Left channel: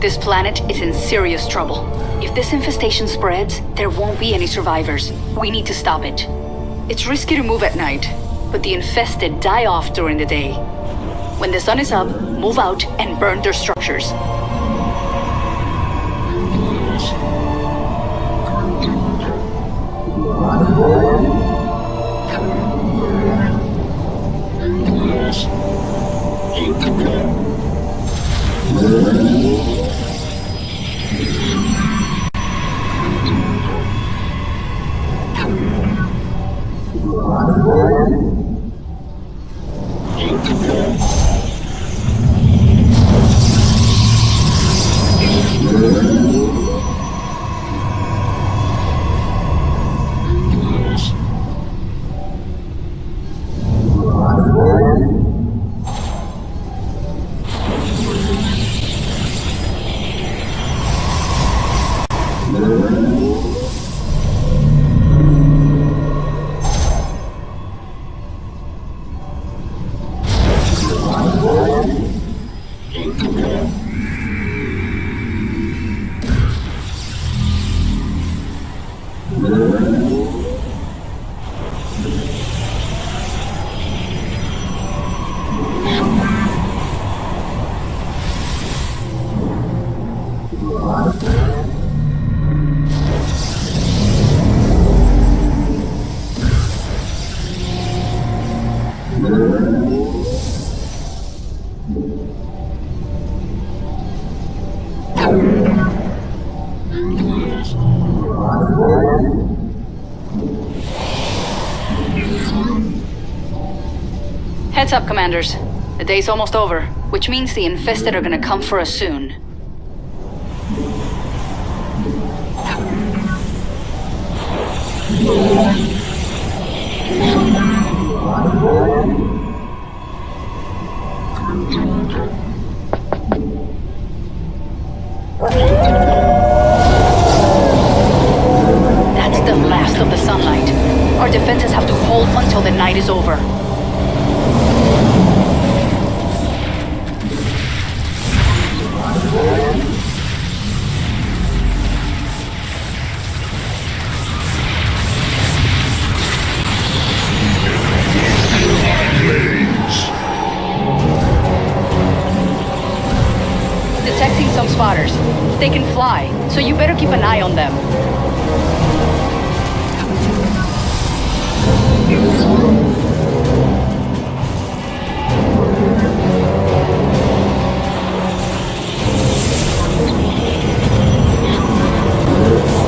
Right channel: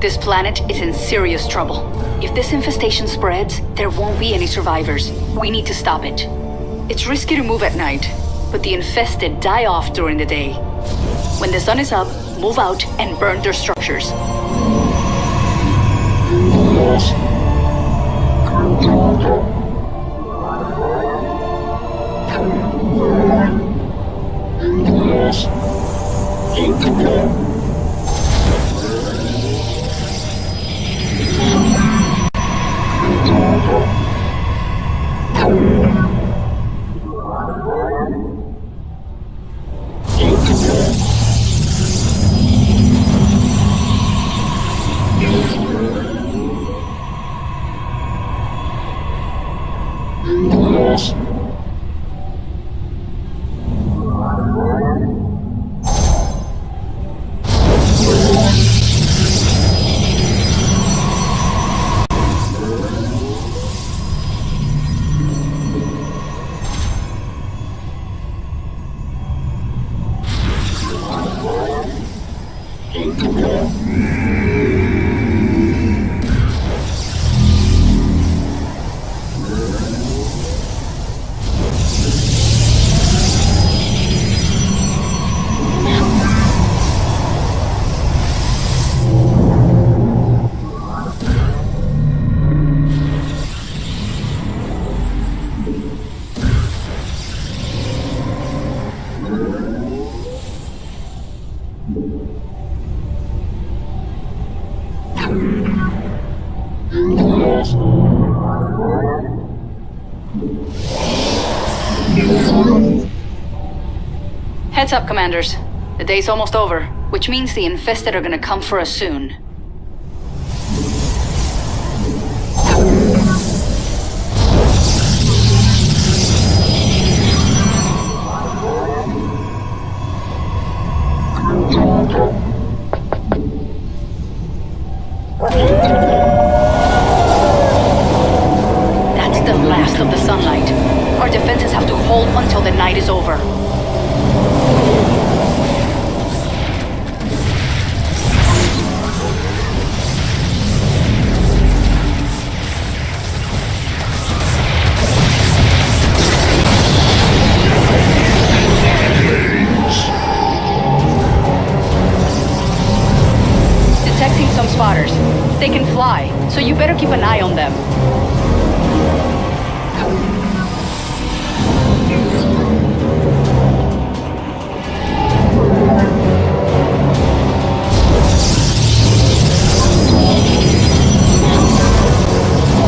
This planet is in serious trouble. If this infestation spreads, there won't be any survivors. We need to stop it. It's risky to move at night, but the infested die off during the day. When the sun is up, move out and burn their structures. Heads up, Commanders. The day's almost over, which means the infested are gonna come for us soon. That's the last of the sunlight. Our defenses have to hold until the night is over. Detecting some spotters. They can fly, so you better keep an eye on them.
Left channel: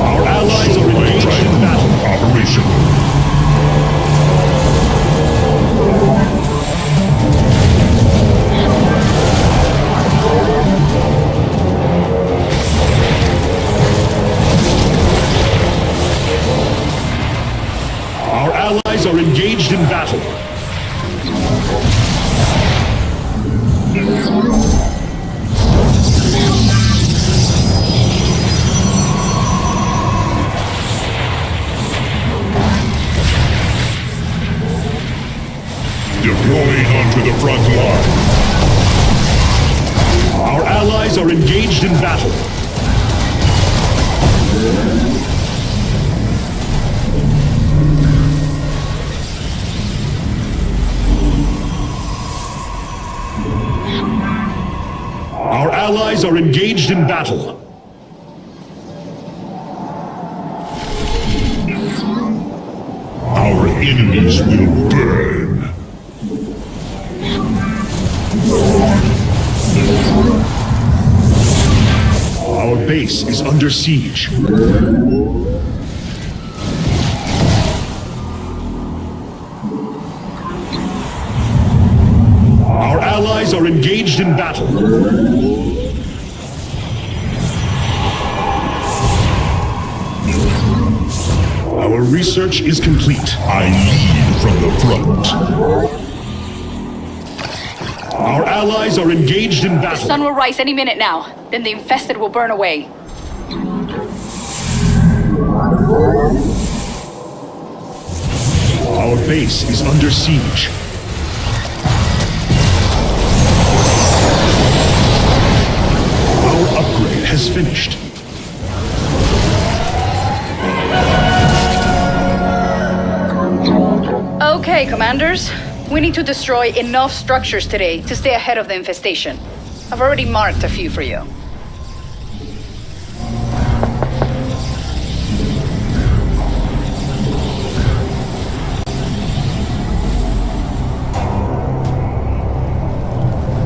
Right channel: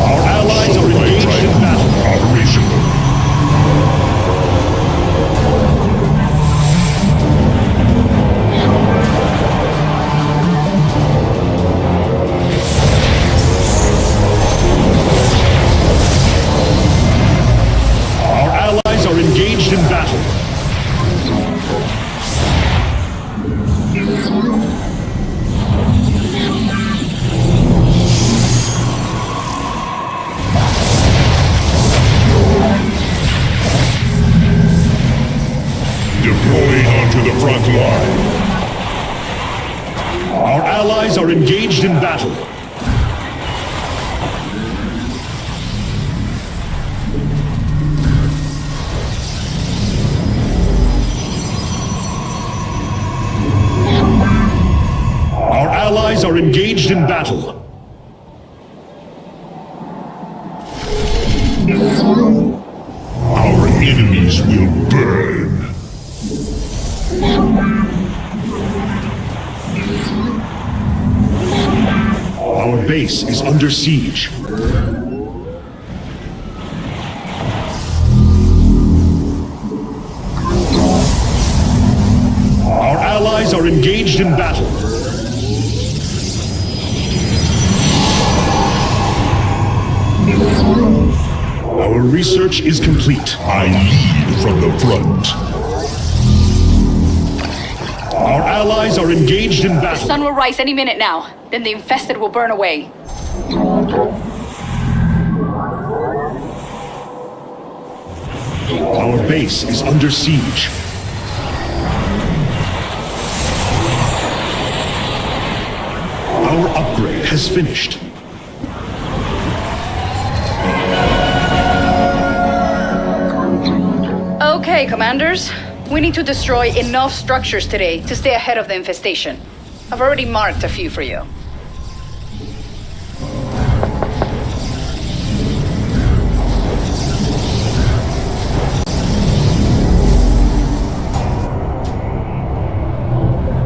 Our allies are engaged in battle. Operational. Our allies are engaged in battle. Deploying onto the front line. Our allies are engaged in battle. Our allies are engaged in battle. Our enemies will burn. Our base is under siege. Our allies are engaged in battle. Our research is complete. I lead from the front. Our allies are engaged in battle. The sun will rise any minute now. Then the infested will burn away. Our base is under siege. Our upgrade has finished. Okay, commanders. We need to destroy enough structures today to stay ahead of the infestation. I've already marked a few for you.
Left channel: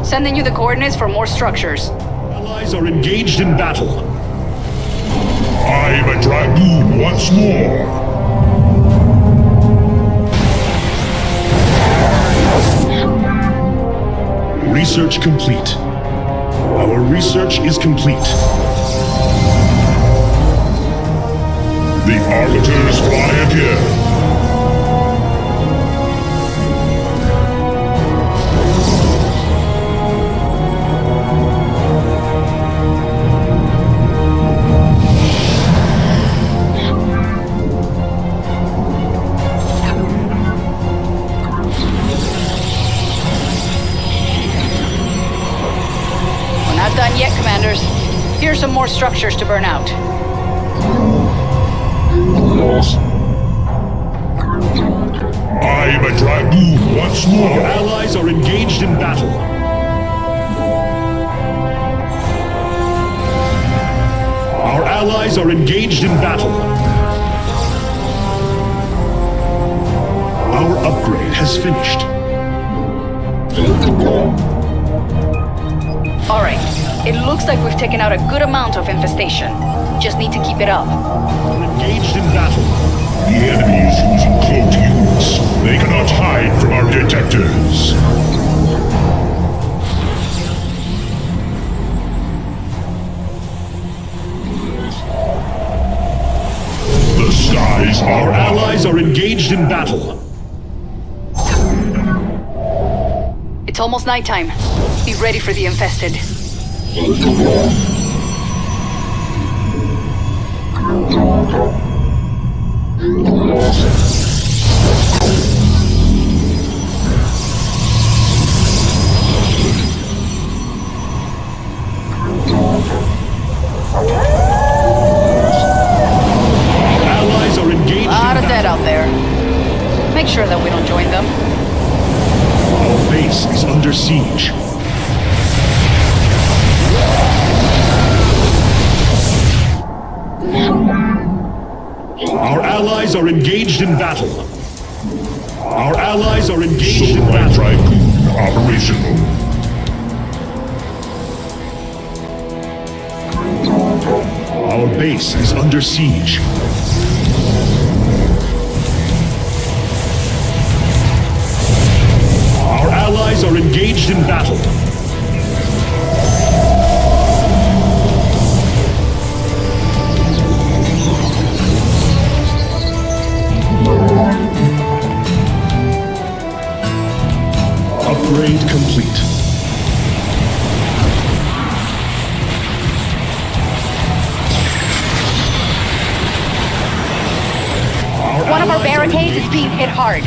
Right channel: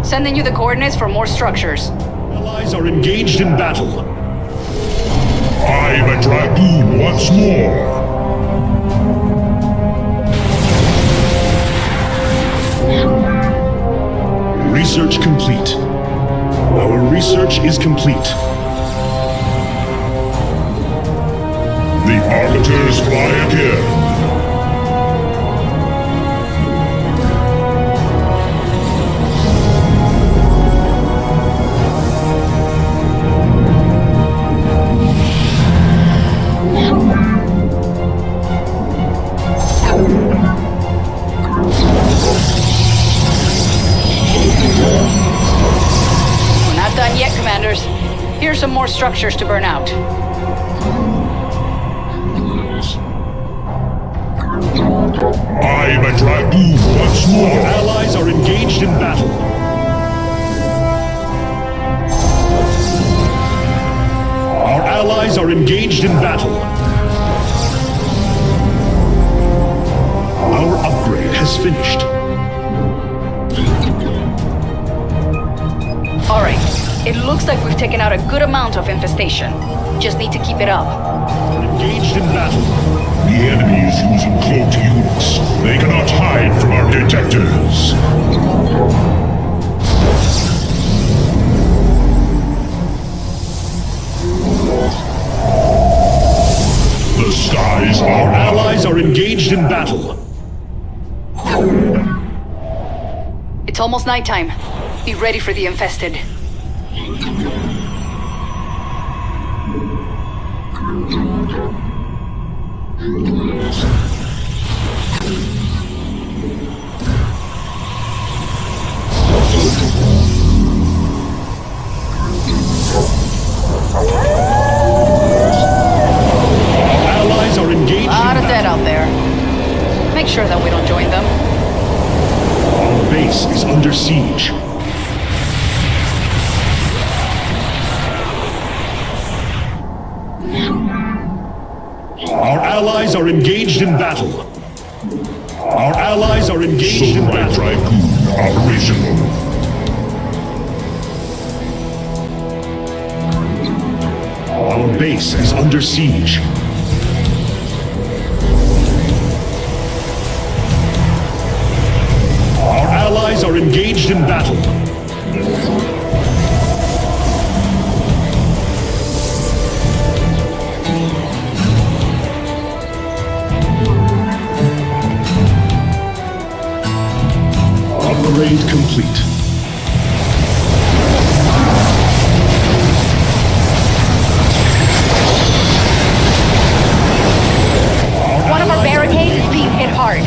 Sending you the coordinates for more structures. Allies are engaged in battle. I'm a dragoon once more. Research complete. Our research is complete. The arbiters fly again. Not done yet, commanders. Here's some more structures to burn out. I'm a dragoon once more. Our allies are engaged in battle. Our allies are engaged in battle. Our upgrade has finished. All right. It looks like we've taken out a good amount of infestation. Just need to keep it up. We're engaged in battle. The enemy is using cloaked units. They cannot hide from our detectors. The skies are our allies are engaged in battle. It's almost nighttime. Be ready for the infested. Our allies are engaged in A lot of battle. dead out there. Make sure that we don't join them. Our base is under siege. Our allies are engaged in battle. Our allies are engaged in battle. Dragoon operational. Our base is under siege. Our allies are engaged in battle. Upgrade complete. One of our barricades is being hit hard.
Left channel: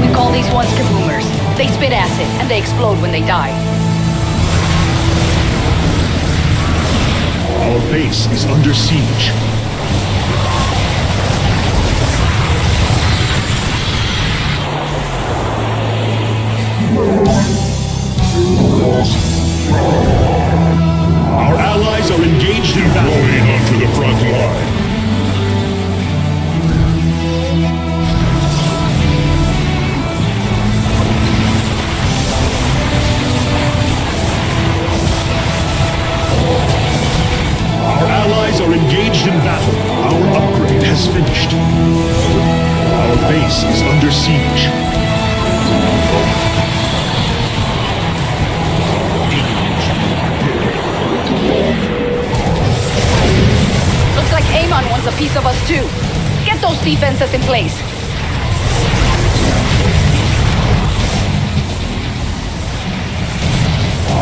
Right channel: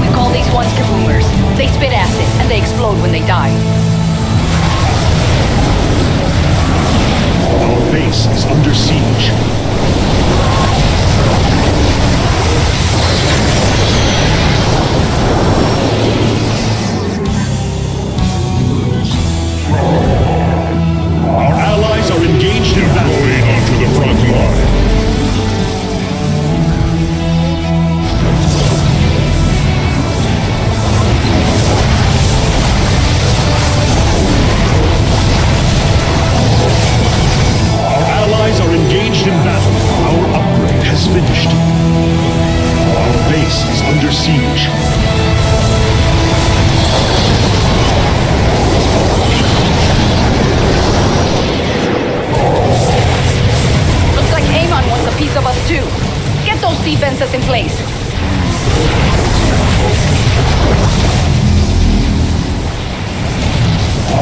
We call these ones kaboomers. They spit acid, and they explode when they die. Our base is under siege. Our allies are engaged in battle. Deploying onto the front line. Our allies are engaged in battle. Our upgrade has finished. Our base is under siege. Looks like Amon wants a piece of us too. Get those defenses in place.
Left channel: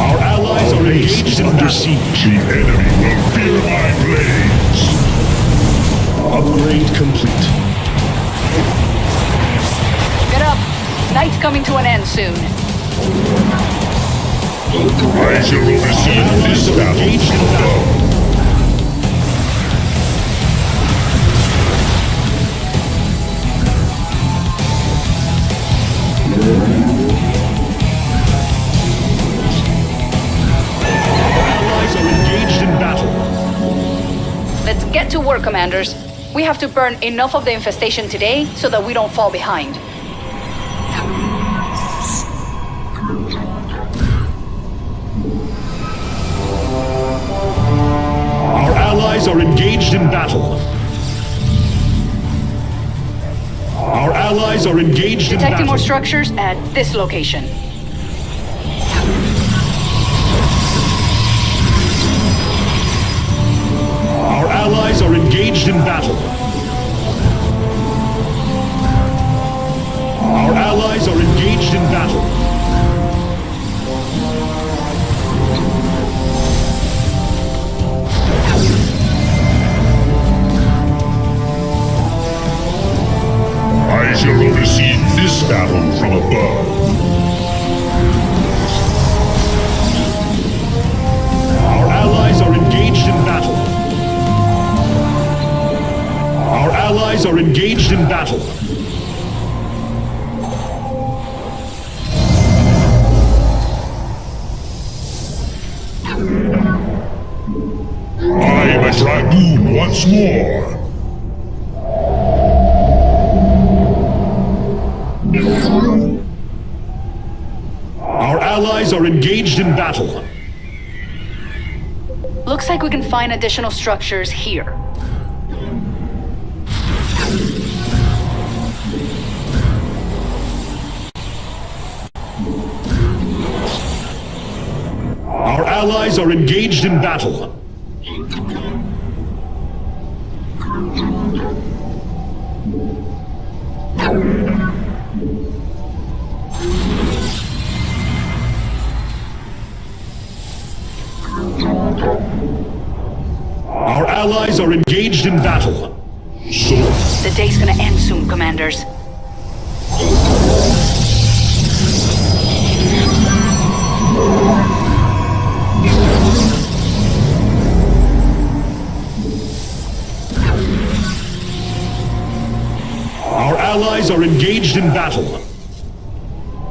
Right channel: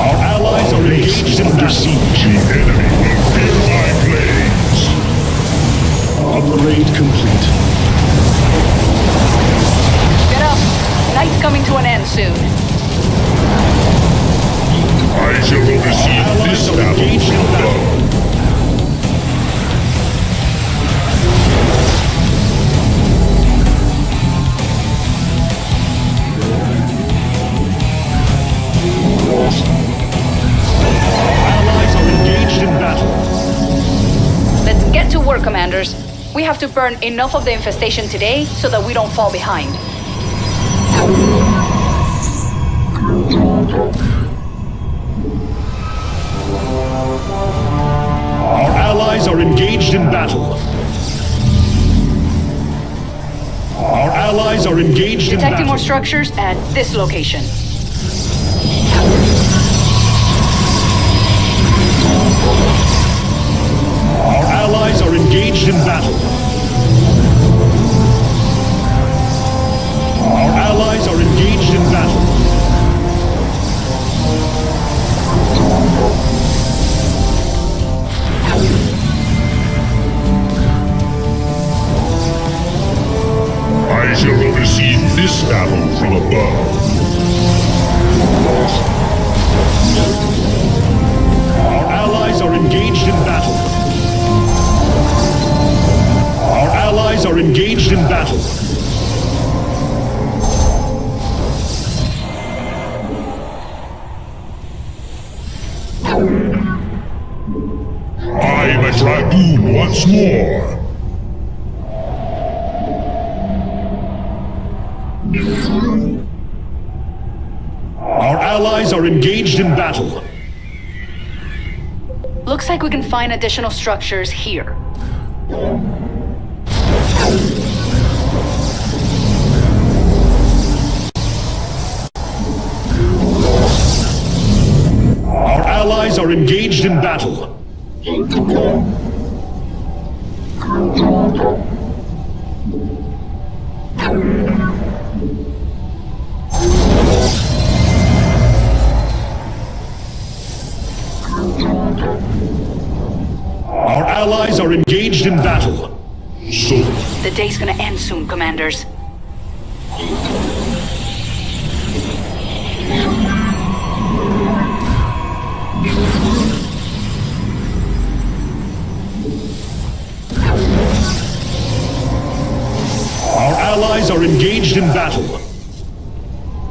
Our allies are engaged in battle. Siege. The enemy will fear my blades. Upgrade complete. Get up. Night's coming to an end soon. I shall oversee this battle from above. Our allies are engaged in battle. Let's get to work, Commanders. We have to burn enough of the infestation today so that we don't fall behind. Our allies are engaged in battle. Our allies are engaged in battle. Detecting more structures at this location. Our allies are engaged in battle. Our allies are engaged in battle. I shall oversee this battle from above. Our allies are engaged in battle. Our allies are engaged in battle. I am a dragoon once more. Our allies are engaged in battle. Looks like we can find additional structures here. Our allies are engaged in battle. Our allies are engaged in battle. So, The day's gonna end soon, Commanders. our allies are engaged in battle.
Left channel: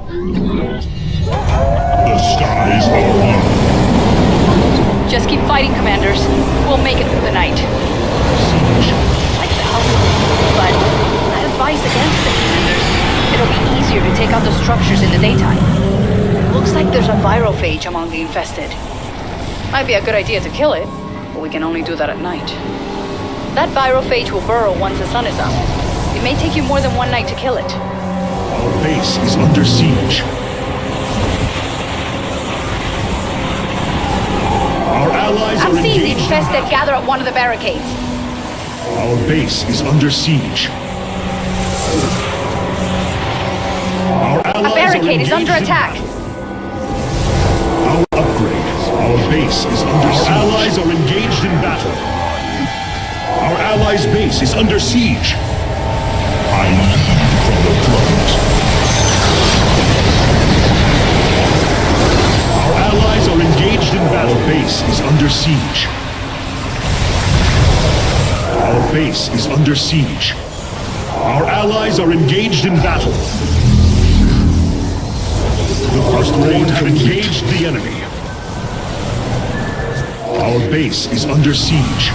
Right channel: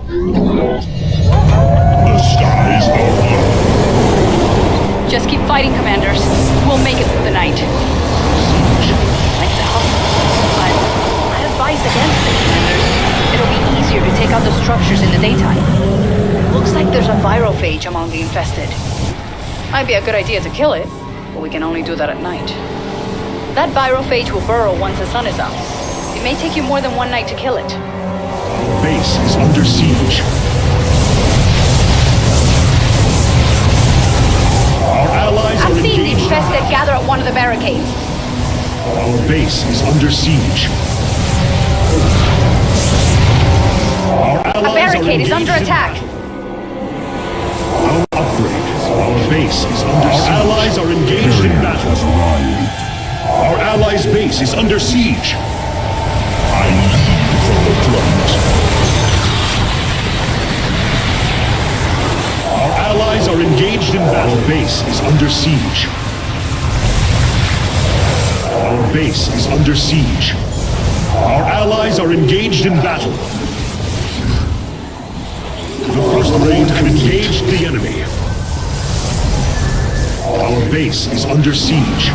The skies are one. Just keep fighting, Commanders. We'll make it through the night. Like the hustle, but I'd advise against it, Commanders. It'll be easier to take out the structures in the daytime. Looks like there's a virophage among the infested. Might be a good idea to kill it, but we can only do that at night. That virophage will burrow once the sun is up. It may take you more than one night to kill it. Our base is under siege. Our allies are I'm seeing the engaged. infested gather at one of the barricades. Our base is under siege. Our allies A barricade is are under engaged in attack. battle. Our upgrade. Our base is under siege. Our allies are engaged in battle. Our allies' base is under siege. I lead from the front. Our allies are engaged in battle. Our base is under siege. Our base is under siege. Our allies are engaged in battle. The first raid have engaged the enemy. Our base is under siege.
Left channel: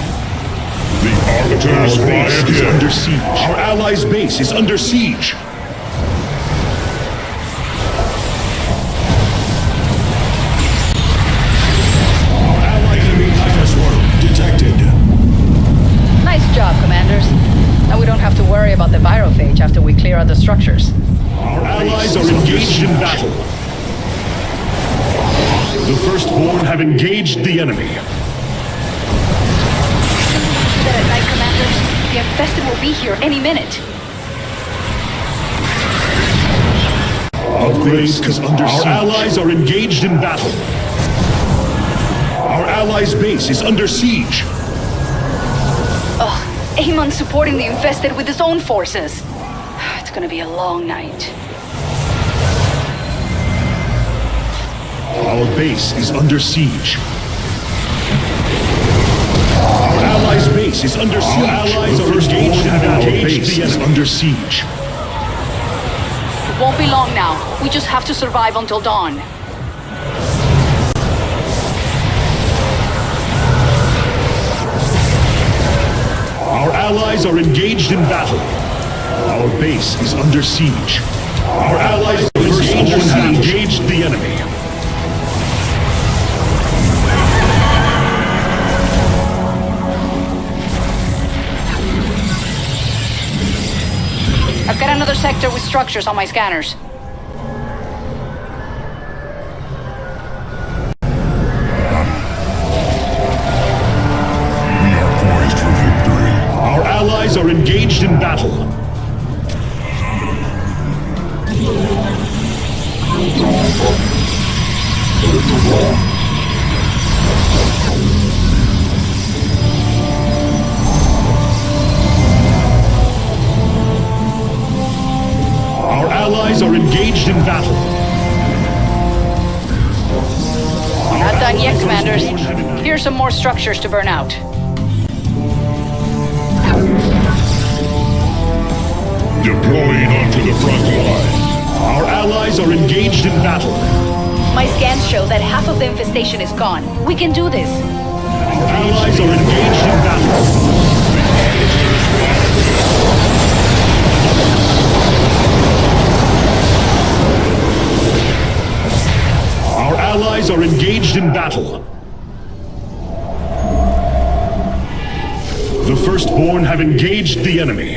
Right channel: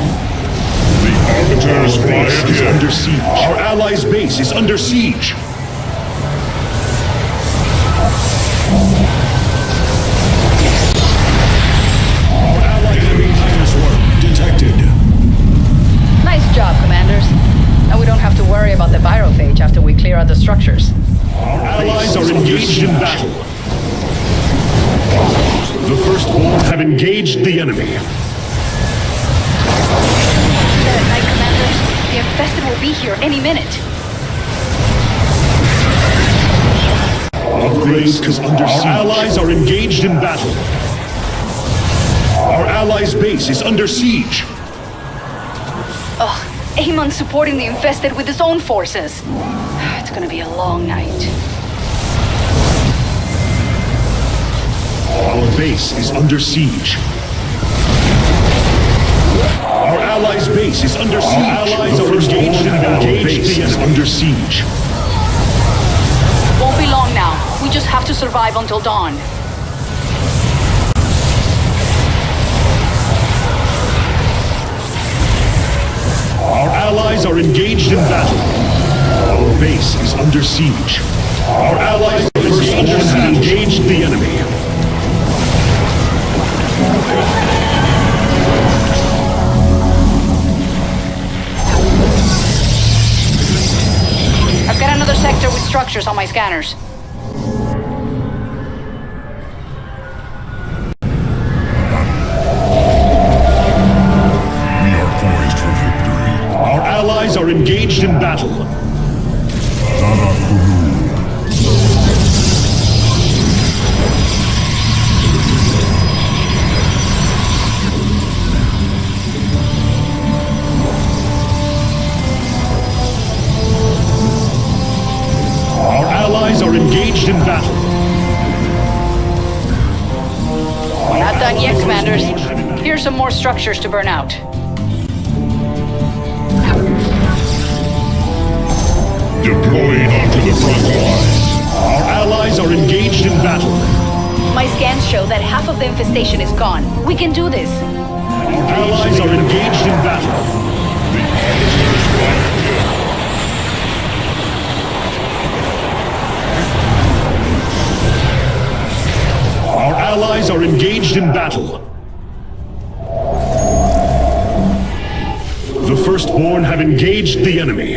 The Arbiter's base is under siege. Our allies' base is under siege. Our allies' enemy dinosaur detected. Nice job, Commanders. Now we don't have to worry about the virophage after we clear out the structures. Our allies are engaged in battle. The Firstborn have engaged the enemy. Dead at night, Commanders. The infested will be here any minute. Upgrades is under siege. Our allies are engaged in battle. Our allies' base is under siege. Ugh, Amon's supporting the infested with his own forces. It's gonna be a long night. Our base is under siege. Our allies' base is under siege. Our allies are engaged in battle. Our base is under siege. It won't be long now. We just have to survive until dawn. Our allies are engaged in battle. Our base is under siege. Our allies have engaged the enemy. I've got another sector with structures on my scanners. We are poised for victory. Our allies are engaged in battle. Our allies are engaged in battle. We're not done yet, commanders. Here's some more structures to burn out. Deploying onto the front line. Our allies are engaged in battle. My scans show that half of the infestation is gone. We can do this. Our allies are engaged in battle. The arbiters are here. Our allies are engaged in battle. The Firstborn have engaged the enemy.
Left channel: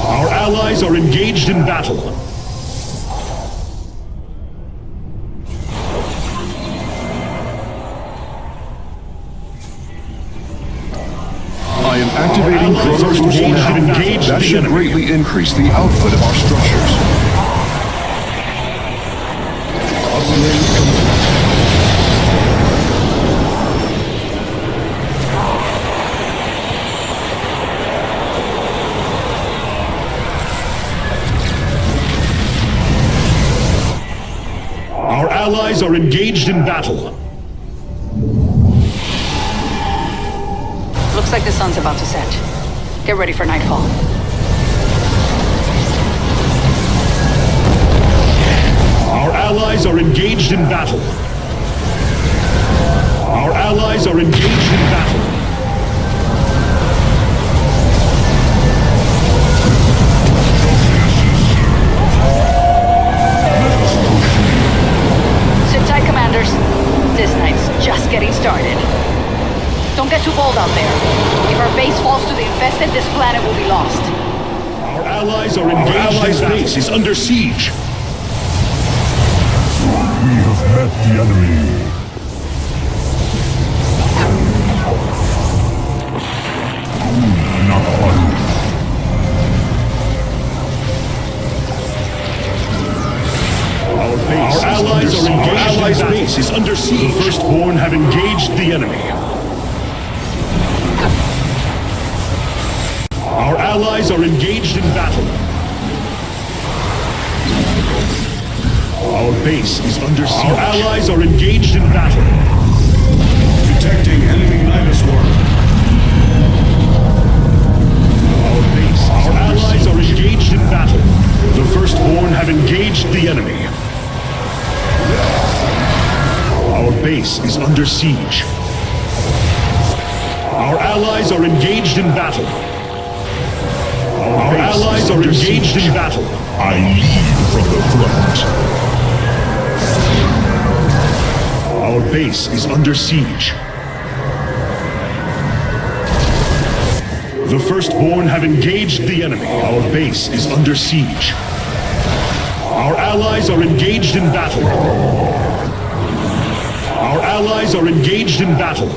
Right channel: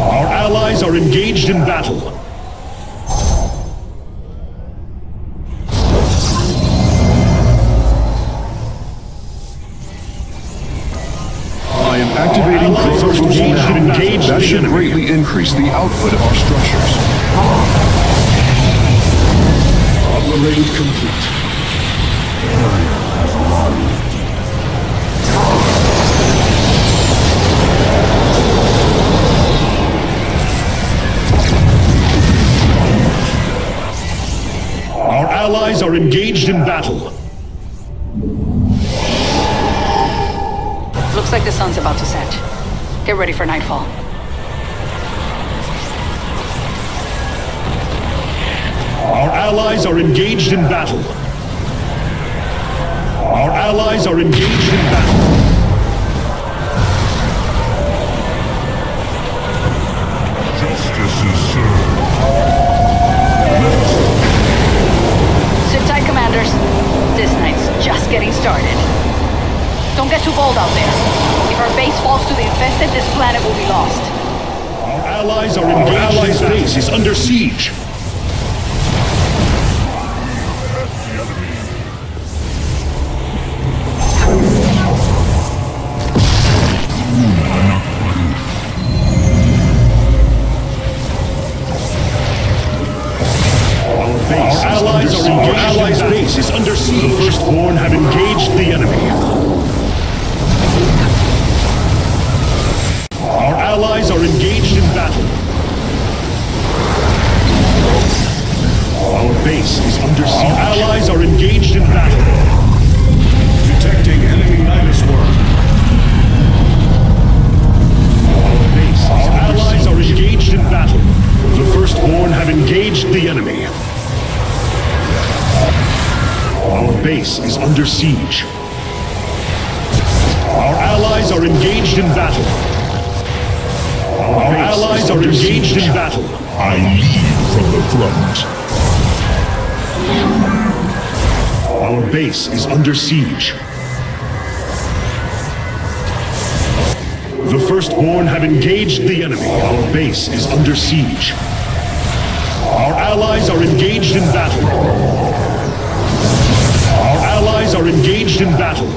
Our allies are engaged in battle. I am activating Chronos Boost now. That should greatly increase the output of our structures. Upgrade complete. Our allies are engaged in battle. Looks like the sun's about to set. Get ready for nightfall. Our allies are engaged in battle. Our allies are engaged in battle. Justice is served. Let us go. Sit tight, commanders. This night's just getting started. Don't get too bold out there. If our base falls to the infested, this planet will be lost. Our allies are engaged. Our allies' base is under siege. We have met the enemy. Our allies are engaged. Our allies' base is under siege. The Firstborn have engaged the enemy. Our allies are engaged in battle. Our base is under siege. Our allies are engaged in battle. Detecting enemy Nidus worm. Our allies are engaged in battle. The Firstborn have engaged the enemy. Our base is under siege. Our allies are engaged in battle. Our allies are engaged in battle. I lead from the front. Our base is under siege. The Firstborn have engaged the enemy. Our base is under siege. Our allies are engaged in battle. Our allies are engaged in battle.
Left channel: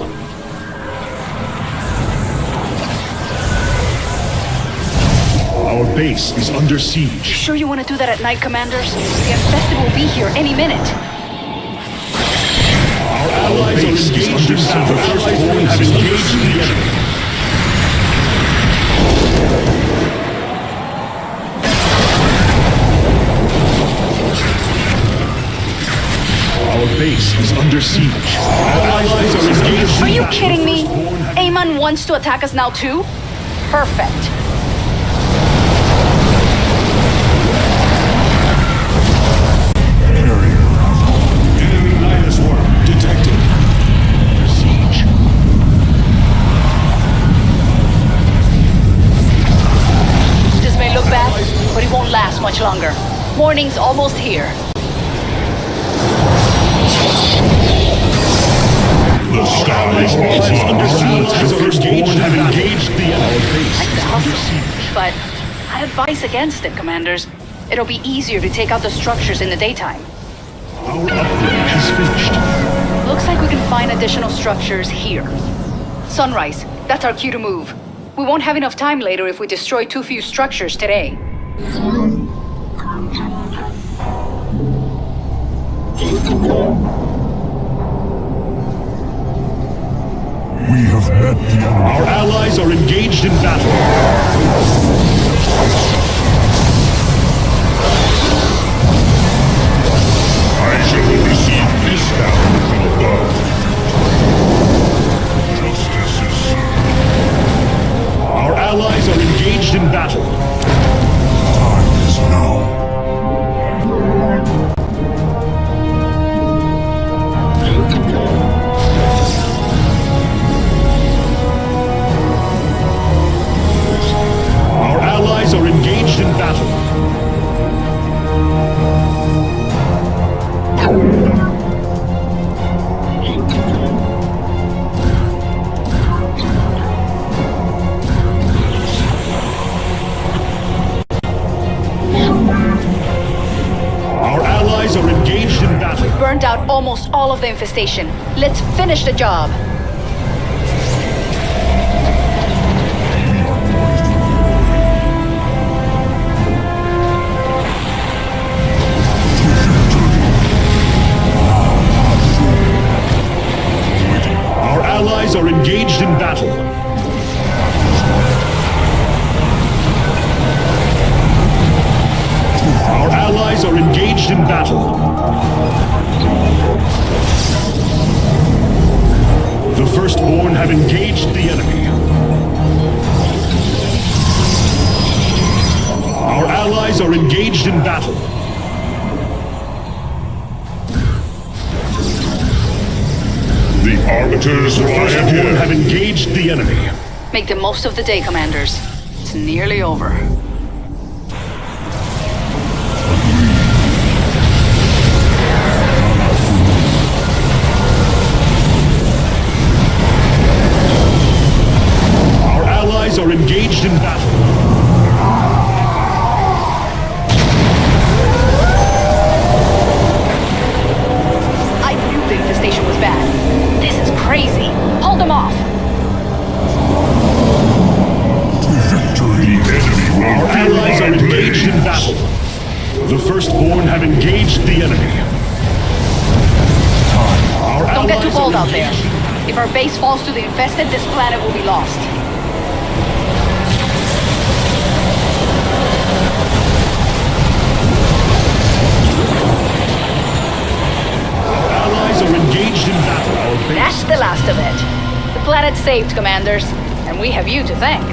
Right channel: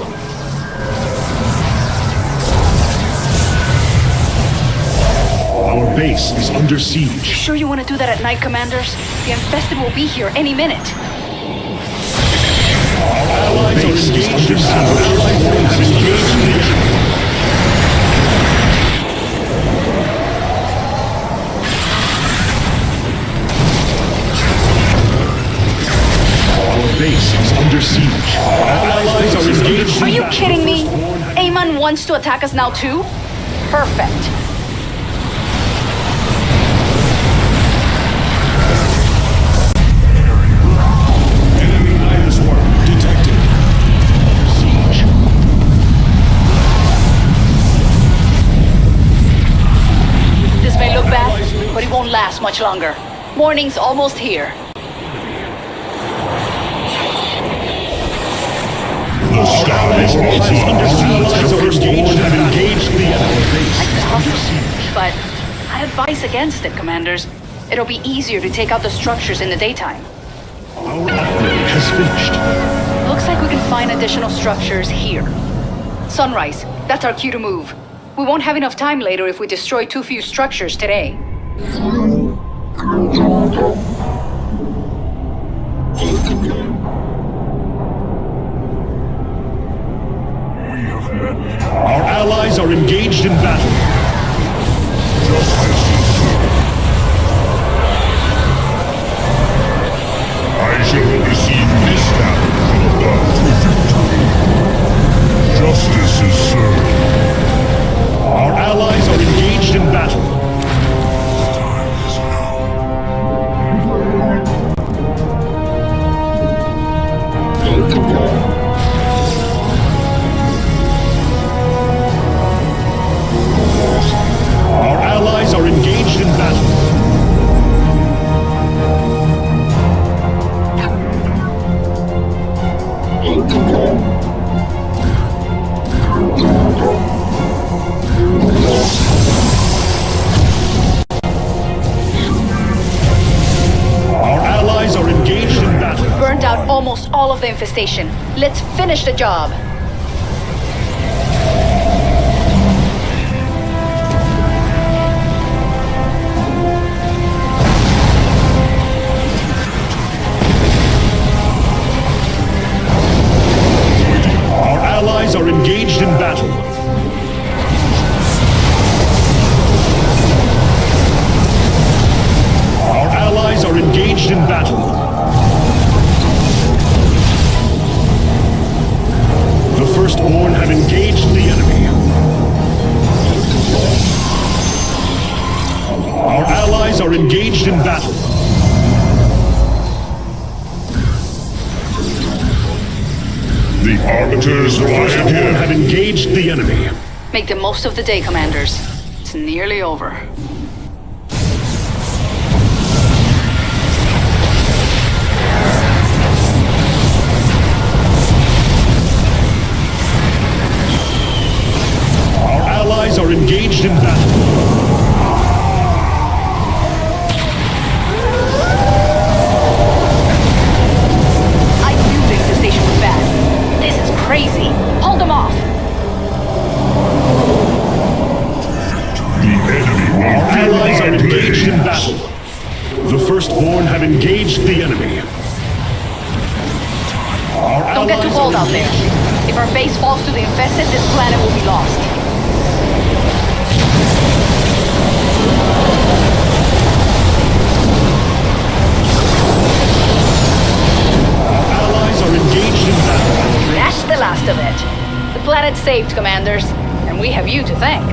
Our base is under siege. You sure you want to do that at night, commanders? The infested will be here any minute. Our allies are engaged in battle. The Firstborn have engaged the enemy. base is under siege. Our allies are engaged. Are in you battle. kidding me? Firstborn have- Amon wants to attack us now too? Perfect. Enemy Nihilus worm detected. Under siege. This may look bad, but it won't last much longer. Morning's almost here. The skies are under siege. The firstborn have engaged the enemy. But I advise against it, commanders. It'll be easier to take out the structures in the daytime. Our upgrade has finished. Looks like we can find additional structures here. Sunrise, that's our cue to move. We won't have enough time later if we destroy too few structures today. Our allies are engaged in battle. I shall oversee this battle from above. Justice is served. Our allies are engaged in battle. Time is now. Our allies are engaged in battle. Our allies are engaged in battle. We've burned out almost all of the infestation. Let's finish the job. Our allies are engaged in battle. Our allies are engaged in battle. The firstborn have engaged the enemy. Our allies are engaged in battle. The arbiters the firstborn have engaged the enemy. Make the most of the day, commanders. It's nearly over. Our allies are engaged in battle. I knew the infestation was bad. This is crazy. Hold them off. The enemy will Our allies are engaged in battle. The firstborn have engaged the enemy. Our Don't get too allies bold are out there. engaged- If our base falls to the infested, this planet will be lost. Our allies are engaged in battle. Our base That's the last of it. The planet's saved, commanders, and we have you to thank.